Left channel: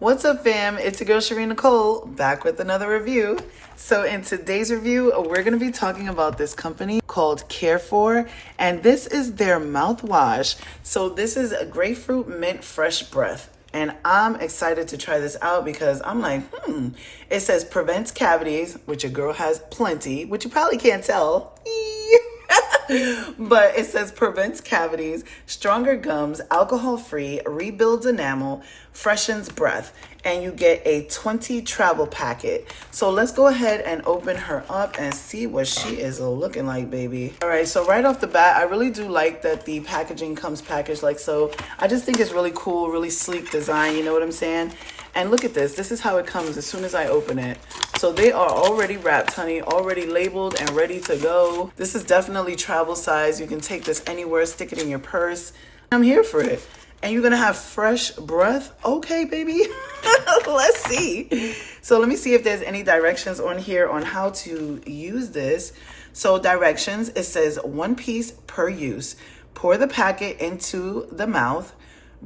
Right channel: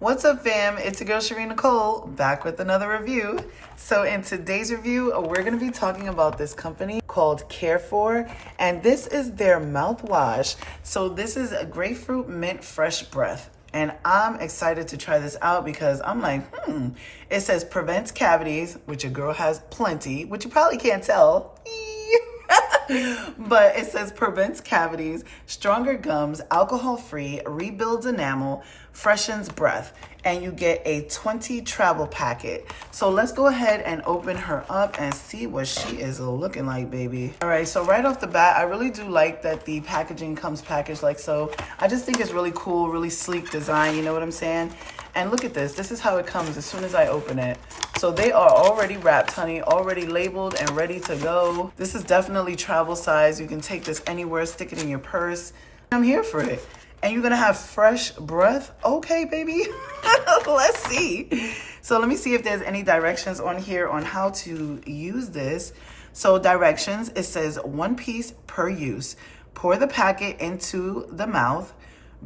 What's up, fam? It's your girl Shereen Nicole back with another review. So in today's review, we're going to be talking about this company called Carefor, and this is their mouthwash. So this is a grapefruit mint fresh breath, and I'm excited to try this out because I'm like, it says prevents cavities, which a girl has plenty, which you probably can't tell. But it says prevents cavities, stronger gums, alcohol-free, rebuilds enamel, freshens breath, and you get a 20 travel packet. So let's go ahead and open her up and see what she is looking like, baby. All right, so right off the bat, I really do like that the packaging comes packaged like so. I just think it's really cool, really sleek design, you know what I'm saying? And look at this. This is how it comes as soon as I open it. So they are already wrapped, honey, already labeled and ready to go. This is definitely travel size. You can take this anywhere, stick it in your purse. I'm here for it. And you're gonna have fresh breath. Okay, baby. Let's see. So let me see if there's any directions on here on how to use this. So directions, it says 1 piece per use. Pour the packet into the mouth.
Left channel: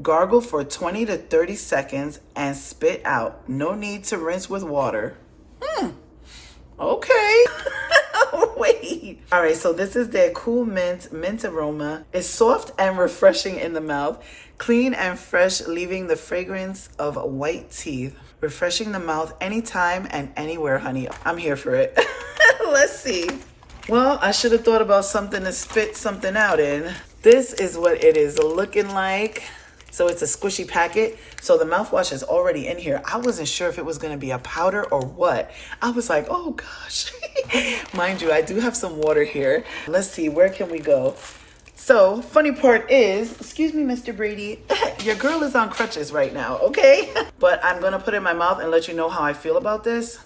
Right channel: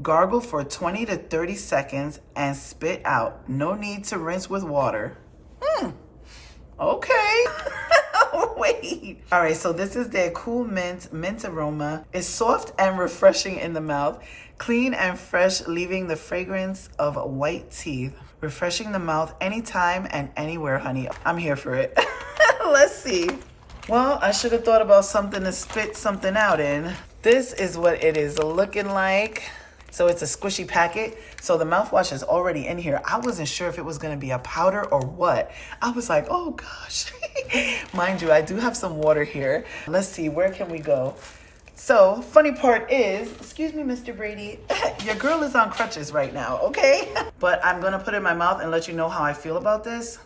Gargle for 20 to 30 seconds and spit out. No need to rinse with water. Okay. Wait. All right, so this is their cool mint aroma. It's soft and refreshing in the mouth. Clean and fresh, leaving the fragrance of white teeth. Refreshing the mouth anytime and anywhere, honey. I'm here for it. Let's see. Well, I should have thought about something to spit something out in. This is what it is looking like. So it's a squishy packet. So the mouthwash is already in here. I wasn't sure if it was gonna be a powder or what. I was like, oh gosh. Mind you, I do have some water here. Let's see, where can we go? So funny part is, excuse me, Mr. Brady, your girl is on crutches right now, okay? But I'm gonna put it in my mouth and let you know how I feel about this.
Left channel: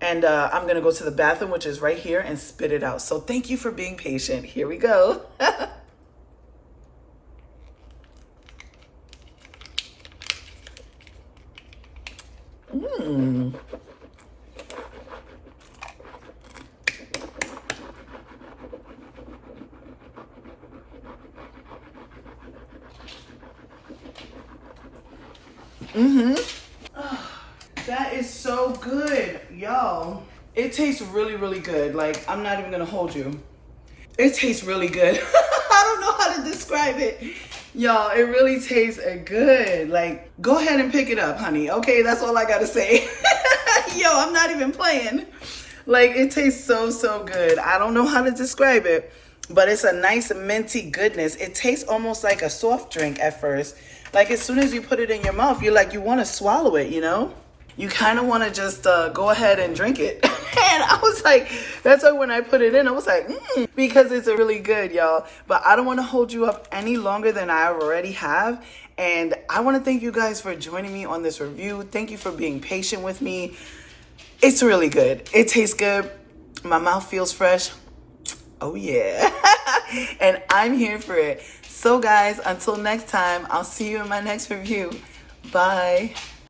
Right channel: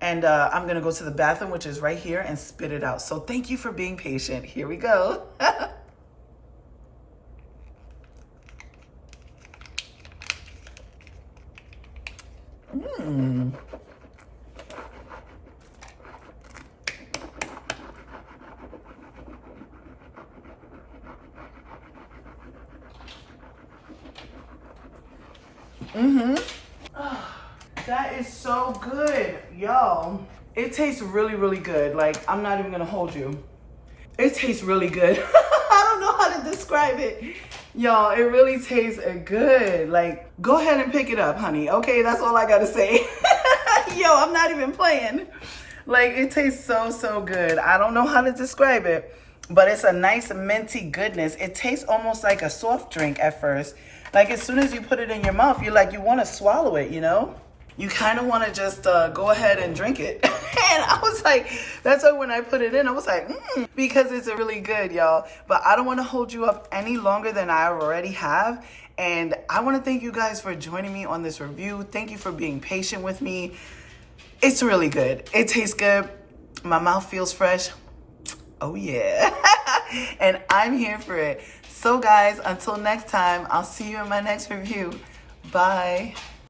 And I'm gonna go to the bathroom, which is right here, and spit it out. So thank you for being patient. Here we go. Oh, that is so good, y'all. It tastes really, really good. Like, I'm not even gonna hold you. It tastes really good. I don't know how to describe it. Y'all, it really tastes good. Like, go ahead and pick it up, honey. Okay, that's all I gotta say. Yo, I'm not even playing. Like, it tastes so, so good. I don't know how to describe it, but it's a nice minty goodness. It tastes almost like a soft drink at first. Like, as soon as you put it in your mouth, you're like, you want to swallow it, you know? You kind of want to just go ahead and drink it. And I was like, that's why when I put it in, I was like, because it's really good, y'all. But I don't want to hold you up any longer than I already have. And I want to thank you guys for joining me on this review. Thank you for being patient with me. It's really good. It tastes good. My mouth feels fresh. Oh, yeah. And I'm here for it. So, guys, until next time, I'll see you in my next review. Bye.